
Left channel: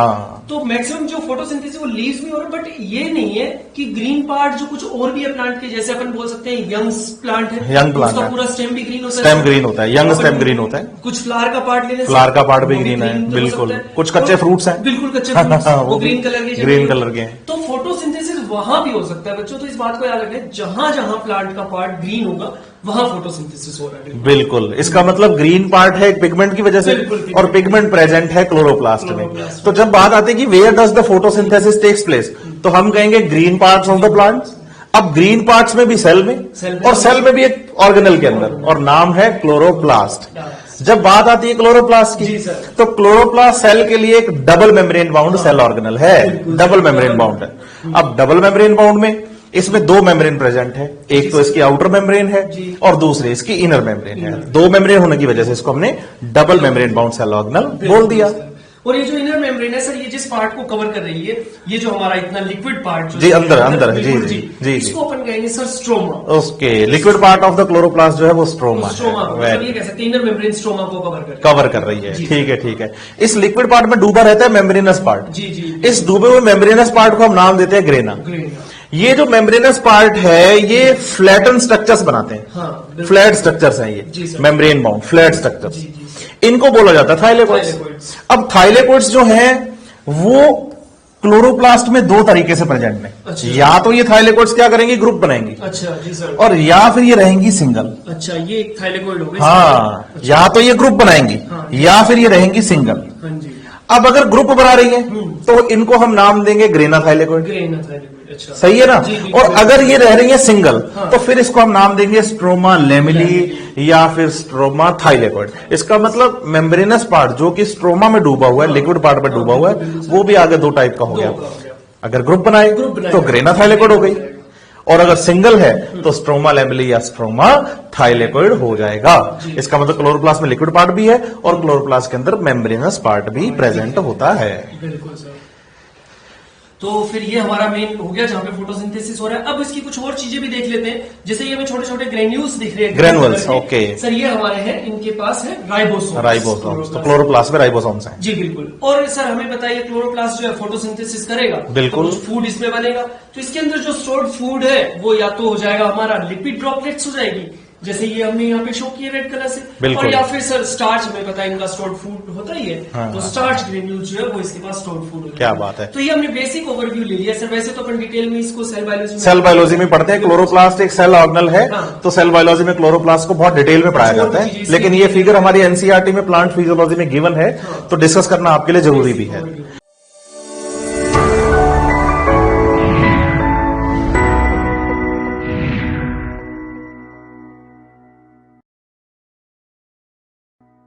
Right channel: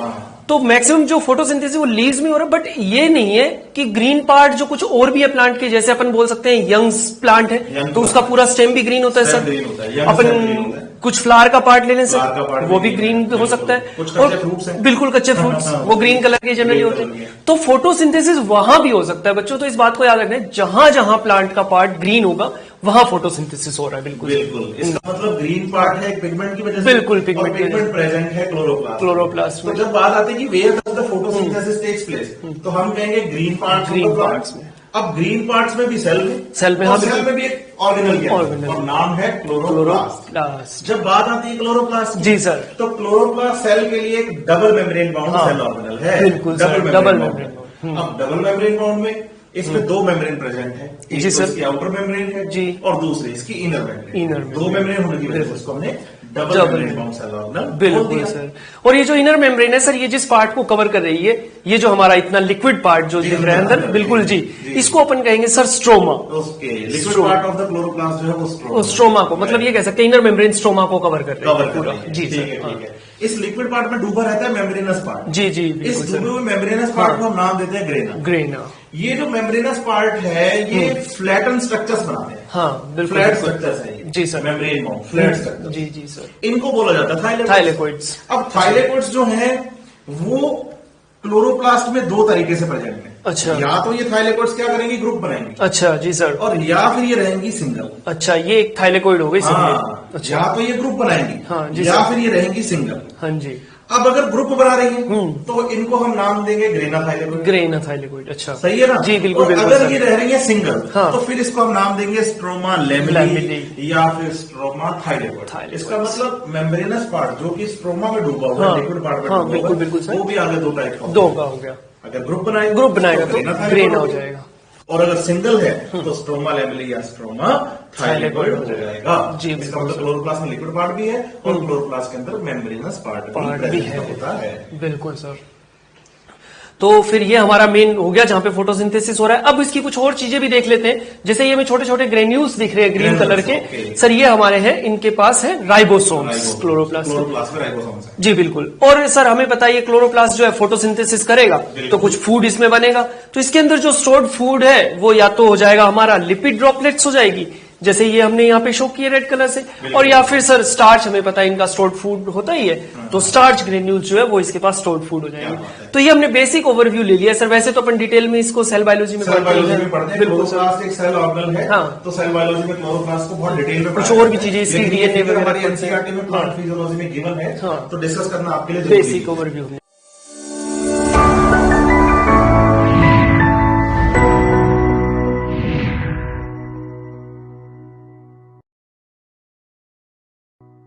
तो मैक्सिमम जो फोटोसिंथेसिस वो लीव्स में हो रहा है, बट ये नहीं है कि ग्रीन पार्ट जो कुछ और भी है प्लांट के, जैसे अपन बोल सकते हैं यंग प्लांट है तो उसका पूरा स्टेम भी ग्रीन होता है। स्टेम ग्रीन होता है, यंग स्टेम ग्रीन होता है। कुछ फ्लावर का पार्ट ले लें, फ्लावर का पार्ट भी ग्रीन हो सकता है। कुछ कच्चे फ्रूट्स हैं, बिल्कुल कच्चे फ्रूट्स वो ग्रीन कलर के जनरली। तो फोटोसिंथेसिस वहां भी हो सकता है बच्चों। तो इस बात को याद रखना है, जहां जहां प्लांट का पार्ट ग्रीन होगा वहां फोटोसिंथेसिस हो रहा है। बिल्कुल। इसका मतलब ग्रीन पार्ट है पिगमेंट की वजह से, और पिगमेंट प्रेजेंट है क्लोरोप्लास्ट। तो जब बात आती है कि where does the photosynthesis takes place, तो हम कहेंगे green parts of the plants. अब ग्रीन पार्ट्स में भी सेल में और सेल में भी एक ऑर्गेनल के अंदर, और नाम है क्लोरोप्लास्ट। जब बात आती है क्लोरोप्लास्ट की, जी सर, तो क्लोरोप्लास्ट सेल के लिए एक double membrane bound cell organelle है। डबल मेम्ब्रेन बाउंड है। अब डबल मेम्ब्रेन बाउंड में इसमें दो मेम्ब्रेन प्रेजेंट है, एक तो इसकी आउटर मेम्ब्रेन है और दूसरी इसकी इनर मेम्ब्रेन है। दो मेम्ब्रेन होने की वजह से इसको हमने double membrane bound cell organelle बोल दिया। और ये जो इनर मेम्ब्रेन है सर, ये जिस पार्ट को कवर कर रही है, ये जो हमारा इतना लिक्विड पार्ट जो अंदर बिल्कुल जी, इसको अपन कहेंगे sir stroma. Okay, liquid part of the chloroplast जो है वो स्ट्रोमा को, मतलब ये कह सकते हैं इनर मेम्ब्रेन स्ट्रोमा को कवर कर रही है। ठीक है। इस लिक्विड पार्ट में डूबा रहता है मेम्ब्रेनस पार्ट। जी। इस डूबे हुए मेम्ब्रेनस पार्ट को हम नाम देते हैं ग्रेना। ये जो मेम्ब्रेनस पार्ट है ये फ्लैटन स्ट्रक्चर्स बनाते हैं। हाँ, फ्लैट स्ट्रक्चर्स हैं ये, मेम्ब्रेन बाउंड फ्लैट स्ट्रक्चर्स। इनको बोला जाता है थाइलेकोइड्स। अब थाइलेकोइड्स जो हैं वो क्लोरोप्लास्ट में दो तरीके से प्रेजेंट है। अच्छा। या तो ये थाइलेकोइड्स क्या करेंगी, ग्रुप बनाएंगी। अच्छा जी सर। और या फिर ये रहेंगी सिंगल। अच्छा, ये एक थाइलेकोइड हो गई। हाँ, अच्छा। या तो ये ग्रुप बनाएंगी, हाँ, या फिर ये रहेंगी सिंगल। हाँ जी। अब अगर ग्रुप बना रही है तो इनको हम नाम देंगे ग्रेना थाइलेकोइड। अच्छा, सही है ना जी। और अगर ये रह रही है सिंगल, हाँ, तो फिर इसको हम नाम देंगे स्ट्रोमा लेमिली या फिर स्ट्रोमा थाइलेकोइड। इसका मतलब मेम्ब्रेनस पार्ट जो कि स्ट्रोमा में डूबा हुआ है, लिक्विड पार्ट में डूबा हुआ है, वो भी आगे दो टाइप का हो गया। अगर ग्रुप बनाए तो ग्रेना थाइलेकोइड हो गई, और अगर सिंगल है तो स्ट्रोमा लैमेली या स्ट्रोमा थाइलेकोइड हो जाएगा। इसका मतलब क्लोरोप्लास्ट में लिक्विड पार्ट भी है और क्लोरोप्लास्ट के अंदर मेम्ब्रेनस पार्ट भी प्रेजेंट होता है। बिल्कुल सर। तो फिर ये हमारा मेन हो गया जहां पे फोटोसिंथेसिस हो रहा है। अब इसकी कुछ और चीजें भी देख लेते हैं, जैसे ये हमें छोटे छोटे ग्रेन्यूल्स दिख रहे हैं ग्रीन कलर के। सर ये हमारे हैं, इनके पास है राइबोसोम। क्लोरोप्लास्ट में राइबोसोम्स हैं। जी बिल्कुल। और सर हमें बताइए क्लोरोप्लास्ट जो है फोटोसिंथेसिस करेगा तो कुछ फूड इसमें बनेगा, तो इसके अंदर जो स्टोर्ड फूड है वो या तो हो जाएगा हमारा लिपिड ड्रॉपलेट्स हो जाएगी, जैसे ये हमने यहाँ पे शो किया रेड कलर से, और या फिर सर स्टार्च, हमें पता है इनका स्टोर्ड फूड होता ही है, तो स्टार्च ग्रेन्यूल्स जो है वो इसके पास स्टोर्ड फूड हो जाएगा। क्या बात है। तो ये हमने बेसिक ओवरव्यू ले लिया सर। वैसे तो अपन डिटेल में इसको सेल बायोलॉजी में पढ़ते हैं। क्लोरोप्लास्ट एक सेल ऑर्गेनल है, तो सेल बायोलॉजी में क्लोरोप्लास्ट को बहुत डिटेल में पढ़ाया जाता है, लेकिन ये फिगर हमारी एनसीईआरटी में प्लांट फिजियोलॉजी में गिवन है, तो डिस्कस करना आपके लिए जरूरी भी है।